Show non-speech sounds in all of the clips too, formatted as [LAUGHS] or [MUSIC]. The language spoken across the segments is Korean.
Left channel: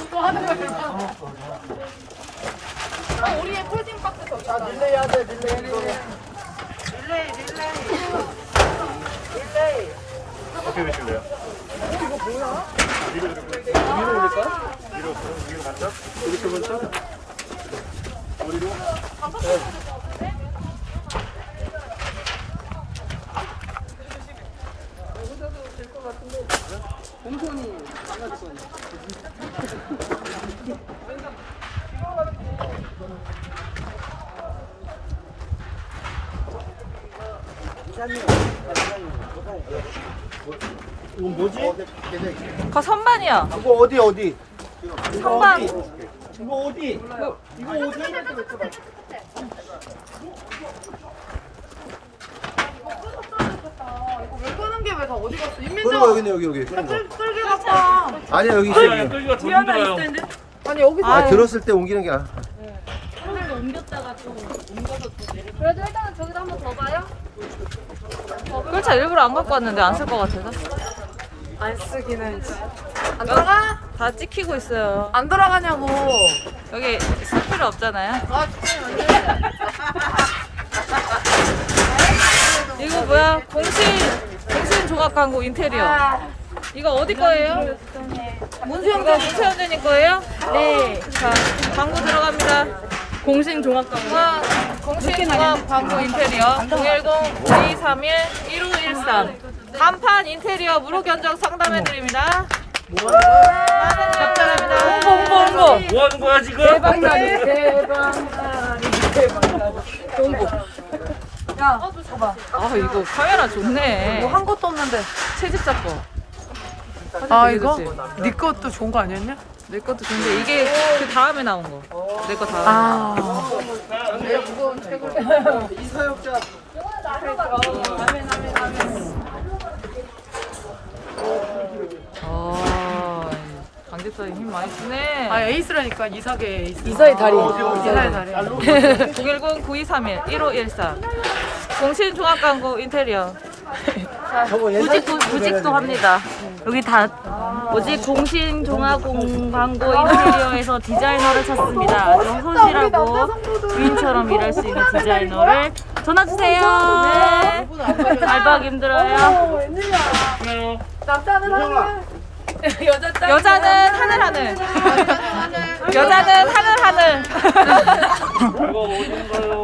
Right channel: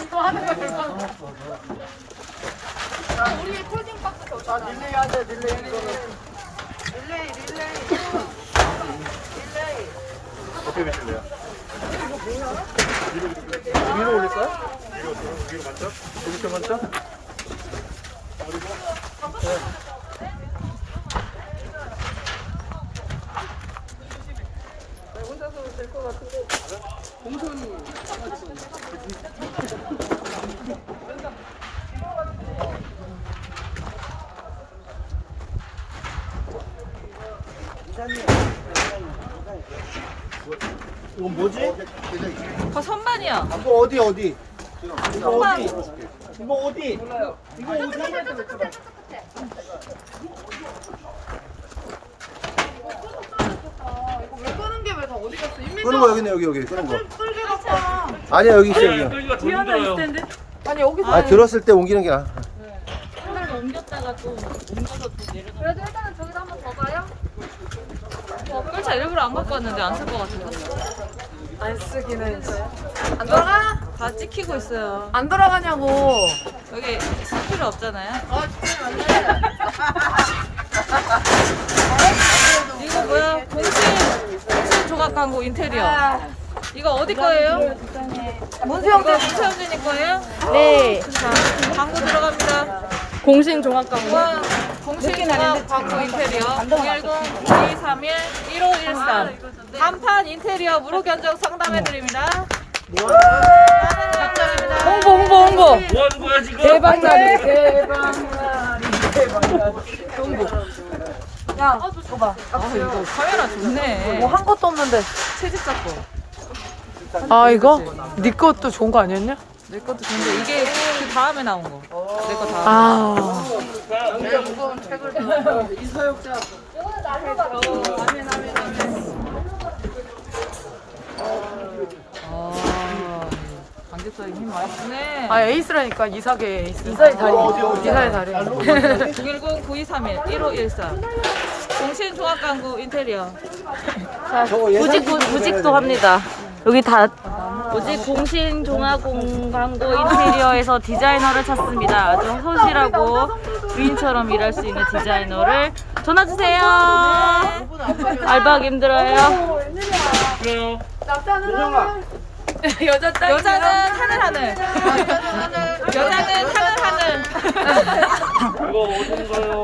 이거 하는 거 별거 우리의 폴딩 박스 더 자, 릴레이 하자 릴레이 이거는 어떻게 되실래요? 위로 이렇게 위로입니까? 위로 위로 맞죠? 이렇게 먼저? 공천이 망가질 거 아니야? 이건 뭐지? 그 선반이야. 이거 어디 어디? 이거 선반. 어디? 이거 어디? 이거 어디? 이거 왜 끄는 게 왜 다 어디 갔어? 윤민정 끄는 거 여기 있네 여기 여기 끄는 거. 끌게 갖다 아니야 여기 있어 여기. 뒤 하나 있을 텐데. 아니 여기서 아 들었을 때 옮기는 게 나아. 그래도 일단은 저기서 한번더 가요? 그렇죠. 일부러 안 갖고 왔는데 안 쓸 것 같아서. 안 쓰기는 안 돌아가? 다 찍히고 있어요. 안 돌아가냐고 여기 쓸 필요 없잖아요. 아 죽이면 안 돼 이거 뭐야? 공신 조각 광고 인테리어. 이거 어디 거예요? 문세영 이거 문세영 선생님 거예요? 네. 자 광고 들어갑니다. 공신 종합 광고. 공신 종합 광고 인테리어 010-9231-1513 간판 인테리어 무료 견적 상담해 드립니다. 많은 이용 바랍니다. 홍보 홍보 뭐 하는 거야 지금? 아 이거 카메라 좋네. 뭐 한 것도 없는데 채집사 거. 아 이거 네 것도 좋은 거 아니었냐? 내 것도 좋은데 이게 그 다음에 나온 거. 내 거 다음에. 이 사역자 아 강제성이 힘 많이 쓰네. 아 에이스라니까 이삭의 에이스. 이사의 다리 이삭의 다리. 010-9231-1513 [LAUGHS] 공신 종합 광고 인테리어. 구직 구직도 합니다. 여기 다 뭐지 공신 종합 공 광고 인테리어에서 디자이너를 찾습니다. 아주 소실하고 주인처럼 일할 수 있는 디자이너를 전화 주세요. 알바하기 힘들어요. 남자는 하늘 여자 여자는 하늘 하늘. 여자는 하늘 하늘.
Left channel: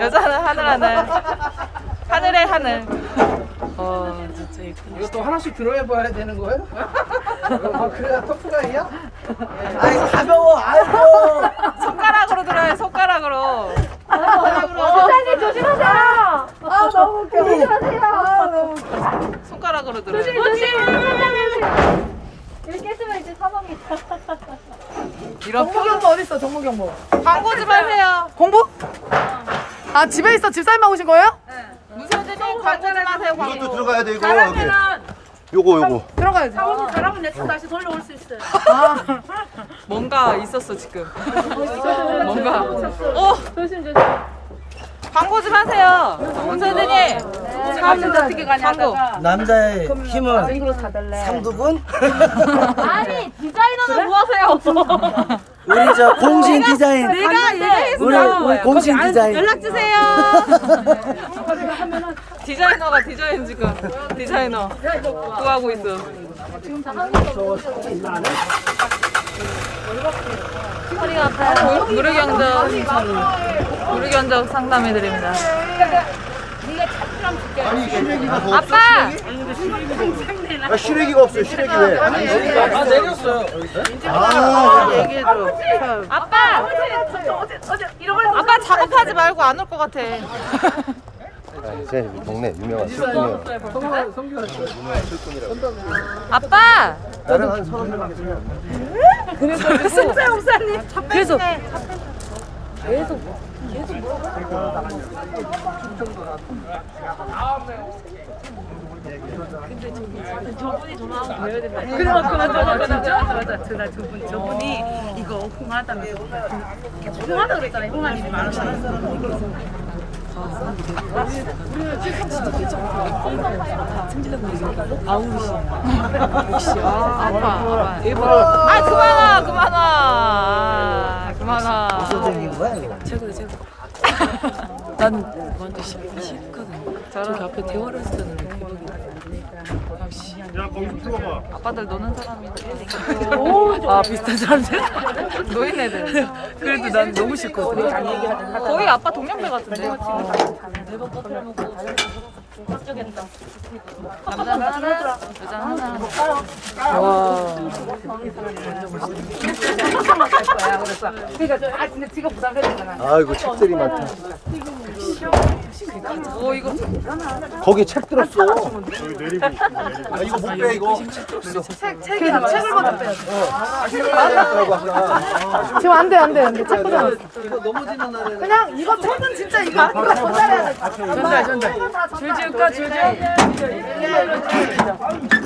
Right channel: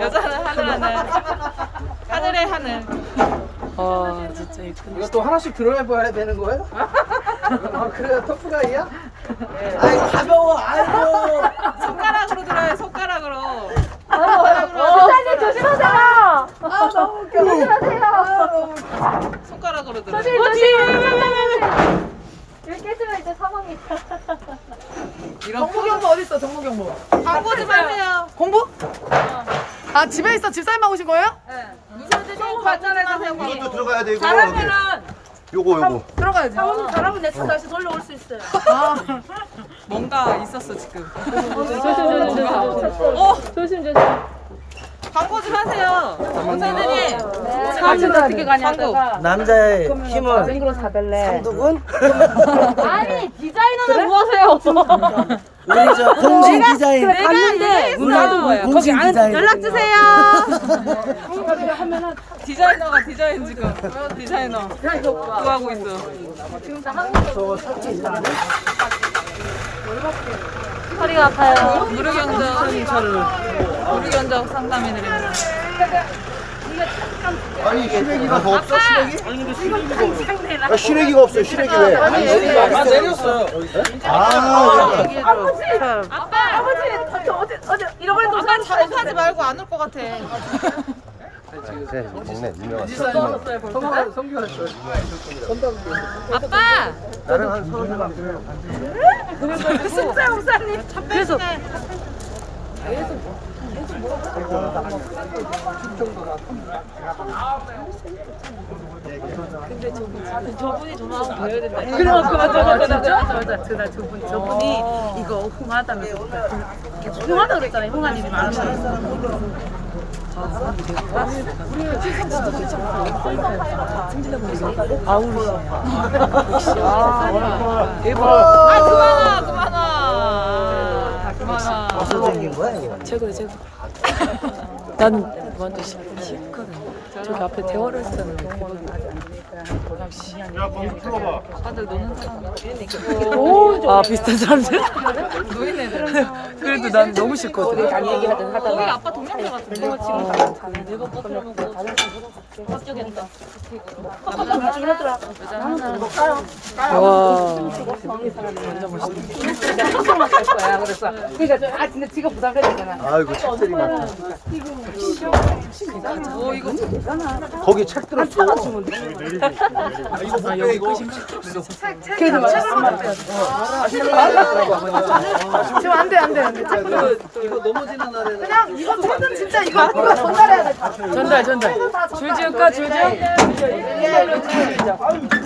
여자는 하늘 하늘. 하늘의 하늘. 아 진짜 이거. 또 하나씩 들어봐야 되는 거예요? 아 그래야 터프가이야? 아니 가벼워 아이고 손가락으로 들어요. 손가락으로. 부사님 조심하세요! 아 너무 웃겨 조심하세요! 아 너무 웃겨 손가락으로 들어요. 조심, 조심! 부사님 이렇게 했으면 이제 사망이다. 이런 정보 경보 어딨어 정보 경보 광고 좀 하세요. 공부? 아 집에 있어 집사님 오신 거예요? 무슨 선생님 광고 좀 하세요. 이것도 광고. 들어가야 돼 이거 여기 요거 요거 들어가야지 여러분 내차 다시 놀러올 수 있어요. 뭔가 있었어 지금. 뭔가. 어 조심, 조심. 광고 좀 하세요. 문 선생님. 광고. 남자의 힘은 삼두근 아니, 디자이너는 뭐 하세요? [LAUGHS] 저 공신 디자인 내가 우리, 얘기했어. 우리 공신 디자인 연락 주세요. [LAUGHS] 디자이너가 디자인 지금 디자이너 구하고 있어. 허리가 아파요. 무- 무료 견적 무료 견적 상담해 드립니다. 아니 시래기가 더 없어 시래기? 아, 시래기가 없어 시래기 왜? 내렸어 아 얘기해줘. 아빠 아빠 작업하지 말고 안 올 것 같아. 제 동네 유명한 아빠. 나는 한 3년 그래서 그러니까 맞아 맞아. 진짜? 맞아 저나 저분 저분이 이거 홍하다면서 홍하다 그랬잖아요 홍하니 아 아빠 아빠 대박. 아 그만아. 그만아. 무슨 생긴 거야 이거? 제가 제가 난 완전 시크하게 저기 앞에 대화를 때는 대박이야 야, 범수 풀러봐. 아빠들 노는 사람 아 비슷한 사람들. [LAUGHS] 노인네들. 그래도 난 너무 싫거든. 거의 아빠 동년배 같은데 남자는 하나 여자는 하나 와 아이고 책들이 많다. 오 이거 거기 책 들었어. 아 이거 못 빼 이거. 책을 어. 책을 만들었더라고 아까. 지금 안 돼, 안 돼, 안 돼. 책 그냥. 이거 넘어지는 날에는. 그냥 이거 책은 진짜 이거 이거 전달해야 돼. 전달 전달 줄지을까 줄지을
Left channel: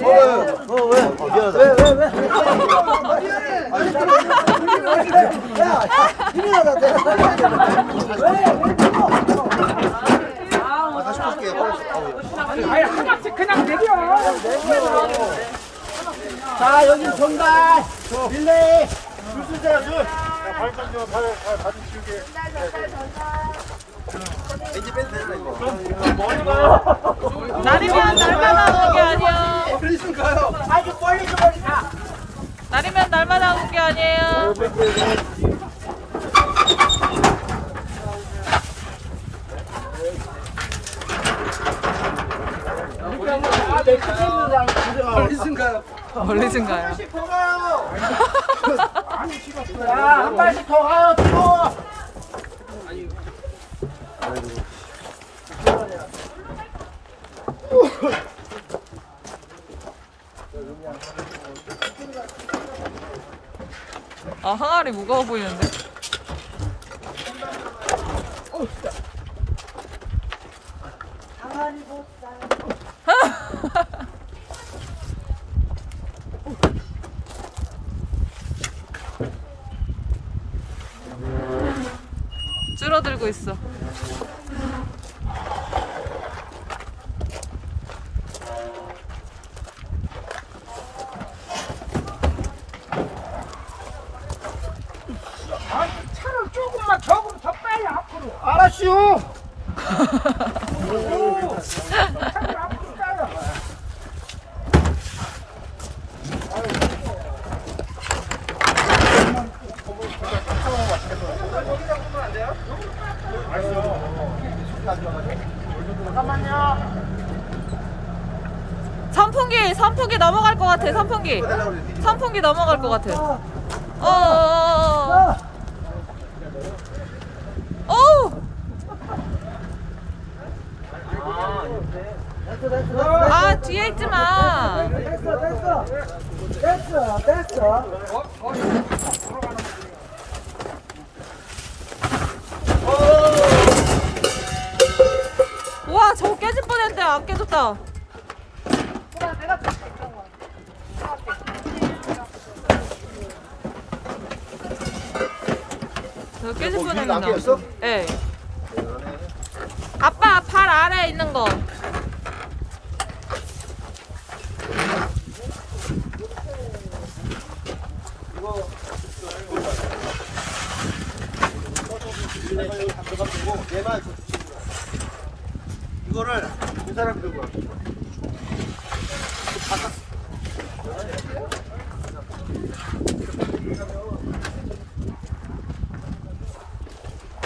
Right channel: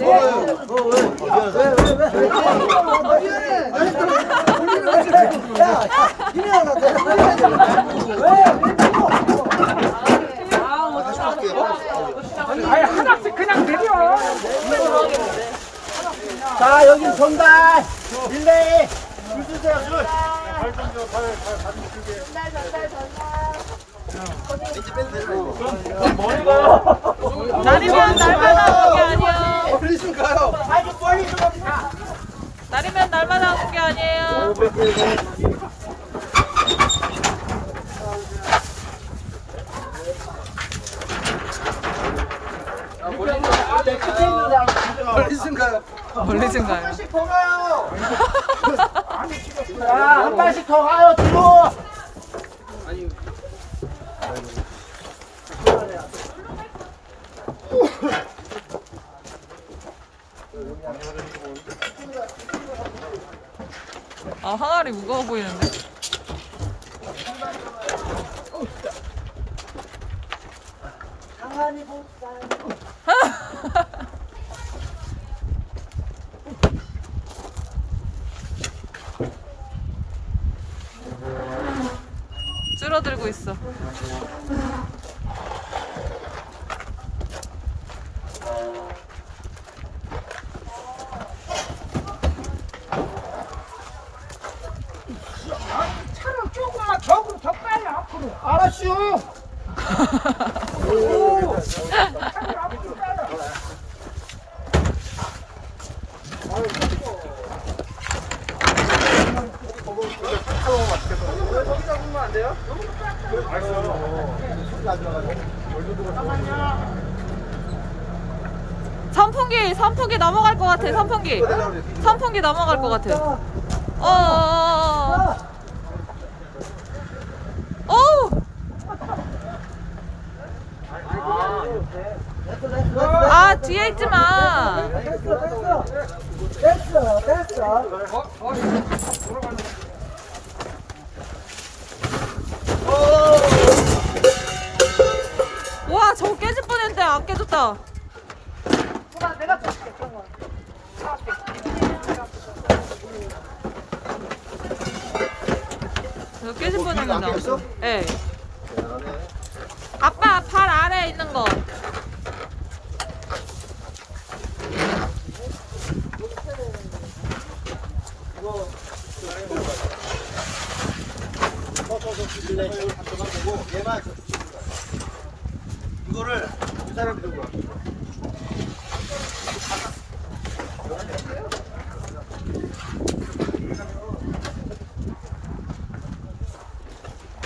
어 왜? 어 왜? 미안하다. 왜왜 왜? 야, 야, 미안하다. 왜? 왜? 아, 다시 볼게요. 자, 여기 전달. 릴레이. 줄 주세요, 줄. 야, 발 던져, 발, 발, 발 주시게. 날이면 날마다 오는 게 아니야 날이면 날마다 오는 게 아니에요 멀리신가요? 한 발씩 더 가요, 뒤로. 아 항아리 무거워 보이는데? 줄어들고 있어. 알았슈. 선풍기, 선풍기 넘어갈 것 같아. 선풍기, 선풍기 넘어갈 것 같아. 어, 어, 어, 어. 어. 됐어, 됐어. 아 뒤에 있지 마. 됐어, 됐어. 됐어, 됐어. 와 저거 깨질 뻔했는데 안 깨졌다. 저거 깨질 뻔했는데. 깨졌어. 예. 아빠 발 아래 있는 거.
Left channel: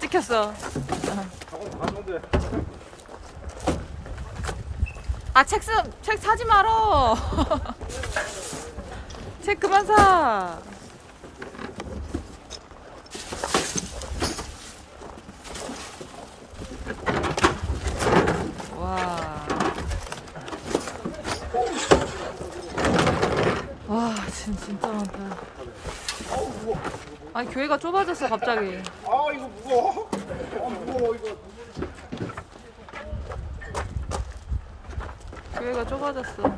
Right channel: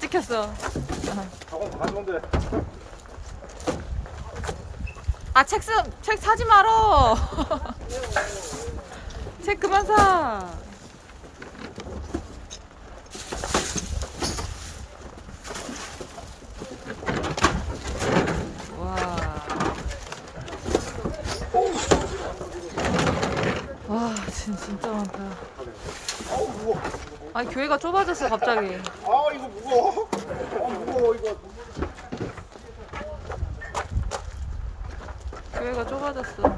찍혔어. 아, 책, 쓰, 책 사지 말어. [LAUGHS] 책 그만 사. 와. 와, 진, 진짜 많다. 아니 교회가 좁아졌어 갑자기. 아 이거 무거워. 아 무거워 이거. 교회가 좁아졌어.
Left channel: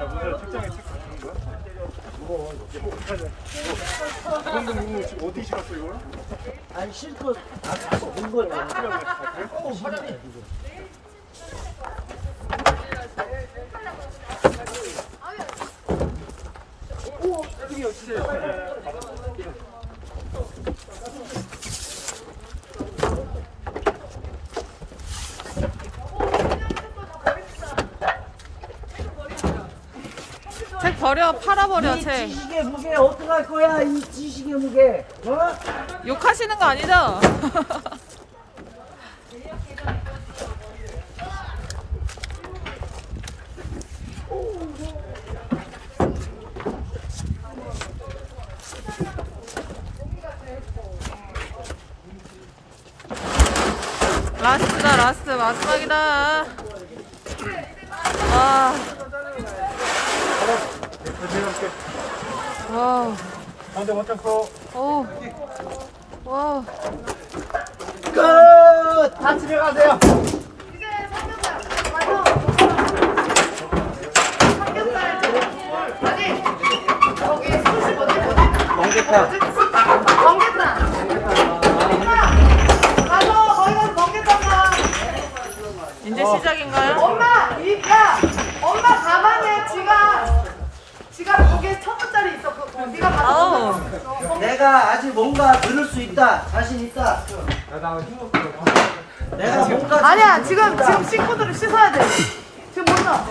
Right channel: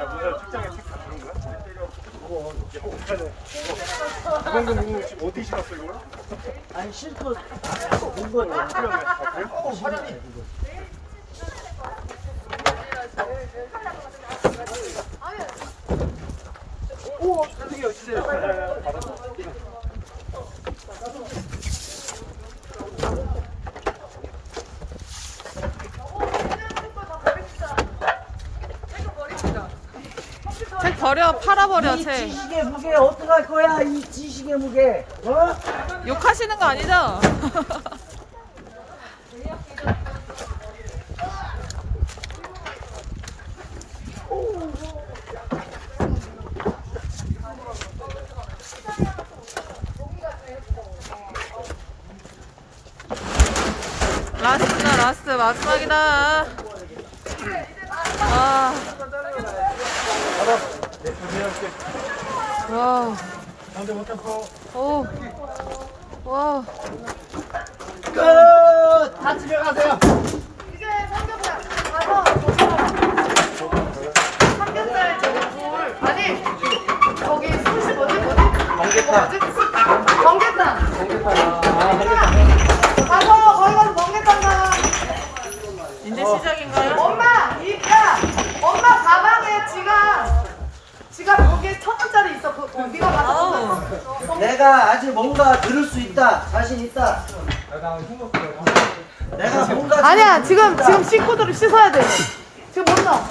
야, 무슨 특장에 책 갖는 거야? 이거 뭐 지금 어디 실었어 이걸? 아니 실컷 본 거예요. 어떻게 하냐? 아, 그래요? 오 여기요 주세요. 책 버려 팔아버려 책. 지식의 무게 어떡할 거야 이 지식의 무게 어? 욕하시는 거 아니죠? [LAUGHS] 라스트다 라스트 마지막이다 와 와우. 한대 못 잡고. 오 와우. 끝 다 집에 가세요. 아니 저기 술집 어디 뭐지? 번개탕 번개탕 번개탕 가서 거기 가서 번개탕 사 이제 시작인가요? 엄마 이 야 엄마 가방에 지갑 아우 내가 아직 뭔가 들을 수 있다 자신 있다 내가 뭔가 아니야 지금 지금 식구들을 씻어야 돼 지금 몰라?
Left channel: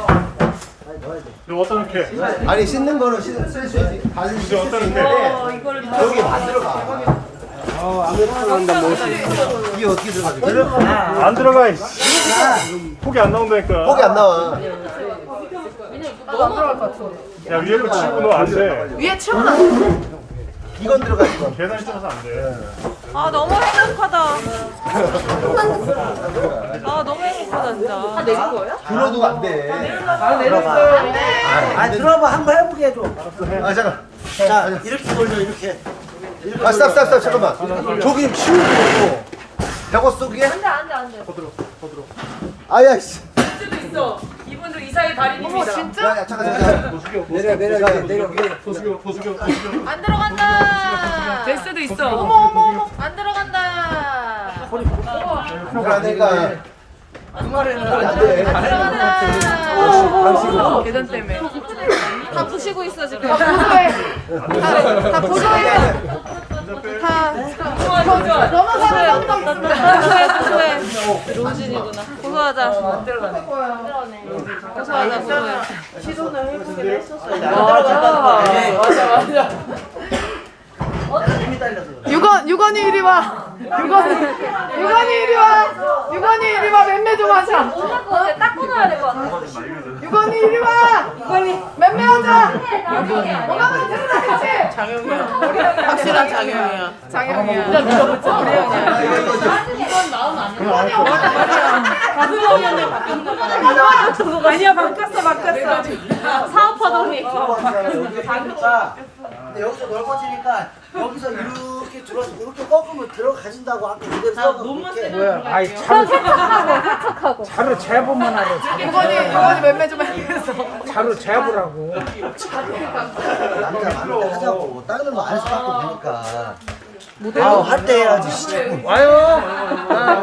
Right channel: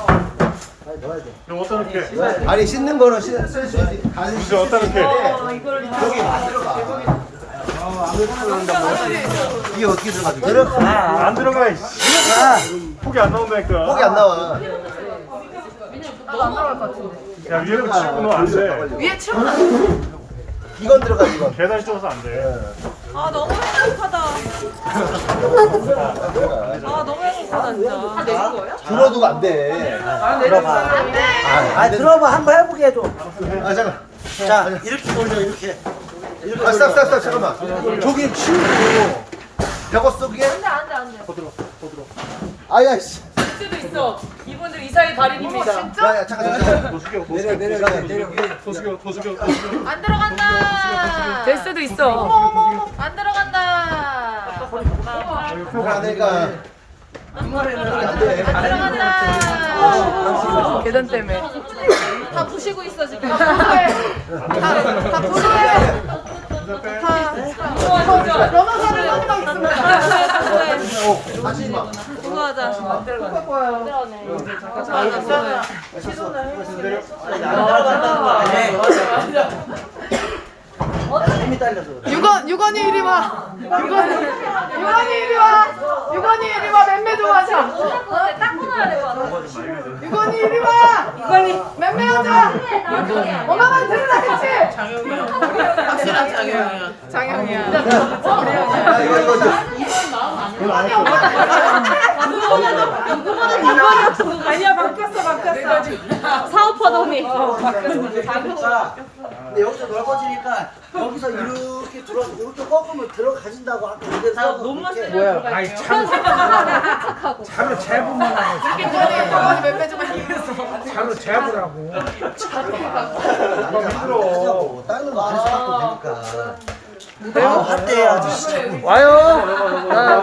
아니 씻는 거는 쓸수 있지. 가슴 이거 씻을 어디다 수 놓게? 있는데 여기 만들어 가. 용병이다 용병 이게 어떻게 들어가지? 들어가 안 들어가. 이씨. 들어가 폭이 안 나온다니까. 폭이 안 나와. 야 위에 거 치고 너안 돼. 위에 치워놔 이건 들어가 이건. 계단 좁아서 안 돼. 아 너무 행복하다. 아 너무 행복하다 진짜. 들어도 안 돼. 아 들어봐 한번 해보게 해줘 아 잠깐. 자 이렇게 돌려 이렇게 이렇게 아 돌려 싹 싹 싹 잠깐만. 저기 치우고. 벽어 속이야? 더 들어. 더 들어. 아야 씨. 수도 있어. 이분들 이사의 달인입니다. 야야 잠깐 잠깐. 더 내려. 내려 내려 내려. 숙여. 더 숙여. 안 들어간다. 될 수도 있어. 더 숙여. 안 들어간다. 벽을 안 내니까. 폭이 안 돼. 안 들어간다. 계단 때문에 다 부시고 있어 지금. 다, 다 부시고 있어. 다 변호사를 마지막 있습니다 고소해. 고소하자. 안 들어가네. 고소하자 고소해. 힘이 딸려서 그래 유건 유건이 이리 와 유건이 유건이 이리 와. 유건이 이리 와. 맴매 좀 하자. 유건이 이리 와. 유건이 맴매 하자. 엄마가 들으라 했지 박수랑 장영이야. 장영이야. 우리 형이야. 이거 이거 이거. 아니야 바뀌었어 바뀌었어. 사업하더니. 자 근데 여기서 넓어지니까 여기서 이렇게 들어 이렇게 꺾으면 들어가진다고 아까 그대로 세우고 이렇게. 유건이 유건이 맴매 좀 하면서. 남자 많을 때 하자고. 다른 거안 해서 되니까. 아할 때 해야지 자꾸 와요.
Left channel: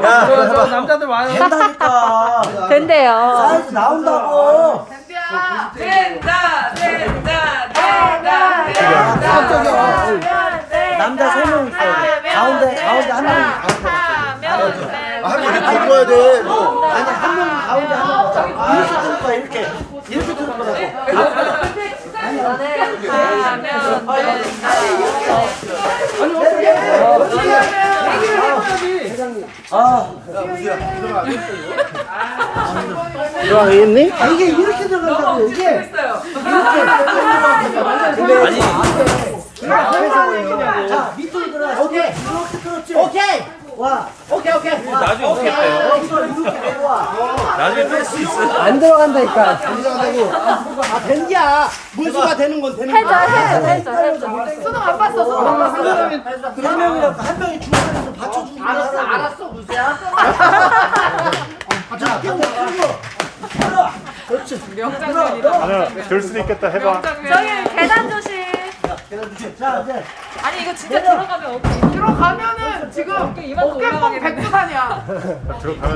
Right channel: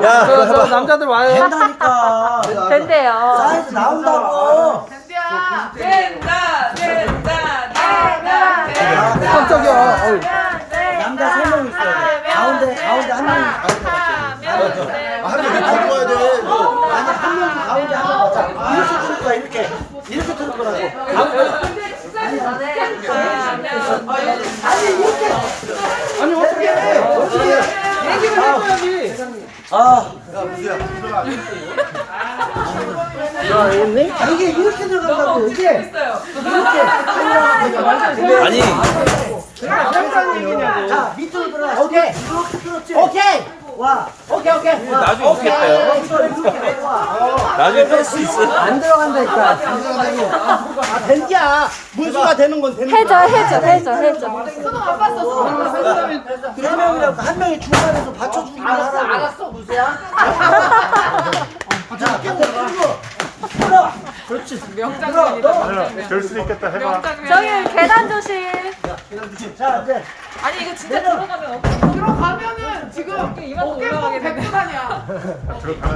야 남자들 와요. 된다니까. 된대요. 사이즈 나온다고. 댄디야 된다 된다 깜짝이야 남자 세 명 있어야 돼 가운데 가운데 한 명이 가운데 맞춰 아, 한명 들고 와야 돼. 너. 아니 한 명이 가운데 한 명 맞춰 이렇게 들을 거야 이렇게 이렇게 들을 거라고 가운데. 아니 어떻게 해? 어떻게 해? 아, 야 무수야. 이해했니? 아 이게 이렇게 들어간다고 이게 이렇게 아니. 그러니까 해보란 얘기냐고. 자 밑으로 들어가 오케이 이렇게 들었지 오케이. 와 오케이 오케이. 나중에 오케이 여기서 이렇게 내고 와안 들어간다니까. 안 들어간다고. 아 된기야. 문수가 되는 건 되는 해줘, 거야. 해줘, 해줘, 해줘. 수능 안 봤어 수능. 안 봤어 세 명이라고 한 명이 중간에서 받쳐주는 거 알았어 알았어 무수야. 자 반대 풀고 들어 명장면이다, 명장면. 될 수도 있겠다 해봐. 명장면이야. 계단 조심. 자 이제. 아니, 이거 진짜 들어가면 어깨, 들어가면은 지금 어깨 이만큼 올라가게 되네. 백두산이야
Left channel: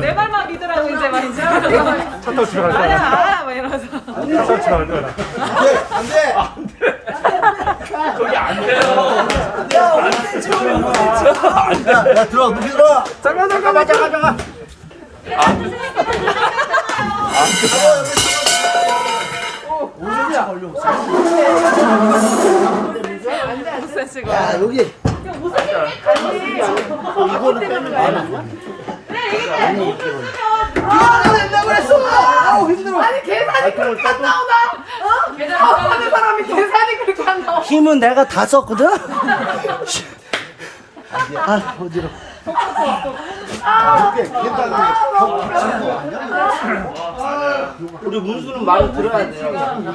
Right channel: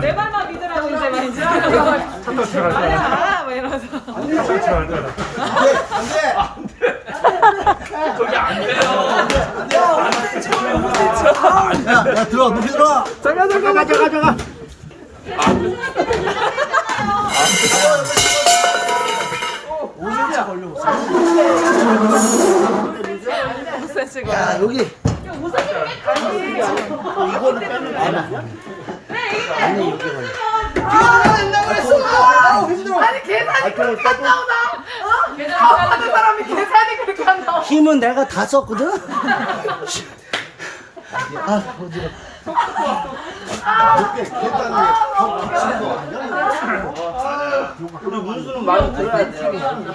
내 말만 믿으라고 이제 막 이제. 아야, 막 이러면서. 야 오늘 지금 야 들어 높이 들어 잠깐 잠깐만 잠깐. 잠깐. 옷 야 여기 이거는 빼면 되나? 아니 여기 걸려 아우 힘들어. 아니 계산이 발통을 그렇게 안 빼도 나오나? 어? 가운데 사람이 계산이 그렇게 안 나와 힘은 내가 다 썼거든 아 어지러 이렇게 계단이 벽 치는 거 아니야? 우리 문수는 많이 들어야 돼.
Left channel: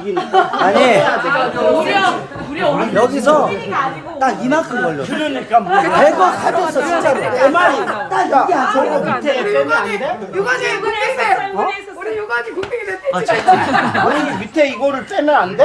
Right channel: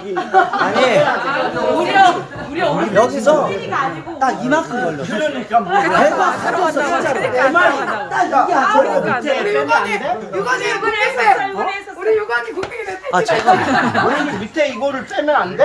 이기니까. 아니 여기서 딱 이만큼 걸렸어 배가 터졌어 진짜로 안 들어간다고. 딱 이게 안 걸려 그러니까 안 돼. 유관이 유관이 국민대 우리 유관이 국민대 아 잠깐만 왜 밑에 이거를 빼면 안 돼?